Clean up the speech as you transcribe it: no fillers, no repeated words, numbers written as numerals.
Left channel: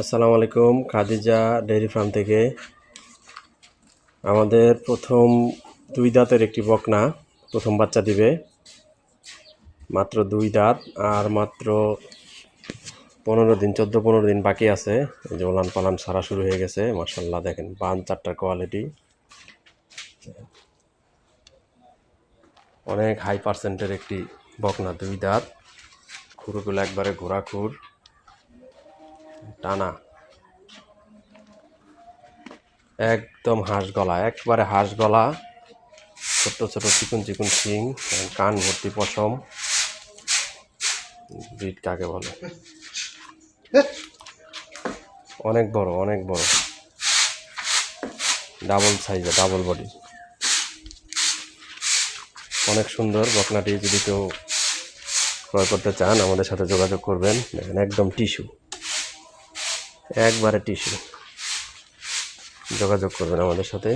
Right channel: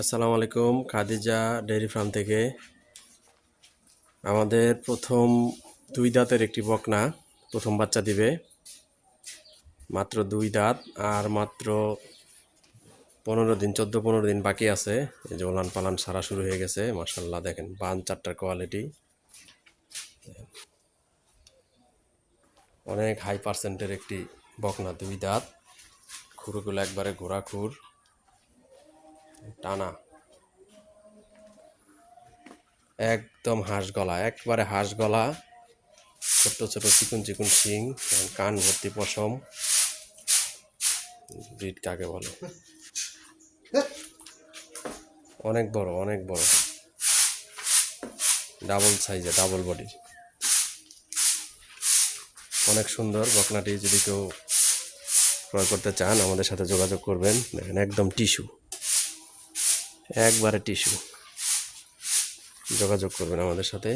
আসসালামু আলাইকুম। Khadija dairy farm থেকে আমাদের প্রথম 2 দাঁতের একটি বকনা প্রথম বাচ্চা দিবে। মাত্র 2 দাঁত আর মাত্র 14 দিন বাকি আছে। এই যে ওলান পালান সারা শুরু হয়ে গেছে। মাশাআল্লাহ দেখেন বান চারটার কোয়ালিটি অনেক হাই পার্সেন্টের একটি বকনা 2 দাঁত। খুরগুলো একবারে ঘোড়া খুর টানা, একদম হাঁস গলা, একবারে হাঁস গলা, ছোট্ট ছোট চিকুন চিকুন শিং, কান ভর্তি পশম। ব্রিড কাকে বলে? অনেক বড়, অনেক বড়, ডাবল সাইজে, ডাবল বডি, অনেক সুন্দর বকনাটি। যদি কেউ ক্রয় করতে চান আমাদের সাথে যোগাযোগ করবেন। দেখেন একদম টিস্যু, একবারে টিস্যু। যোগাযোগ করবেন আমাদের সাথে।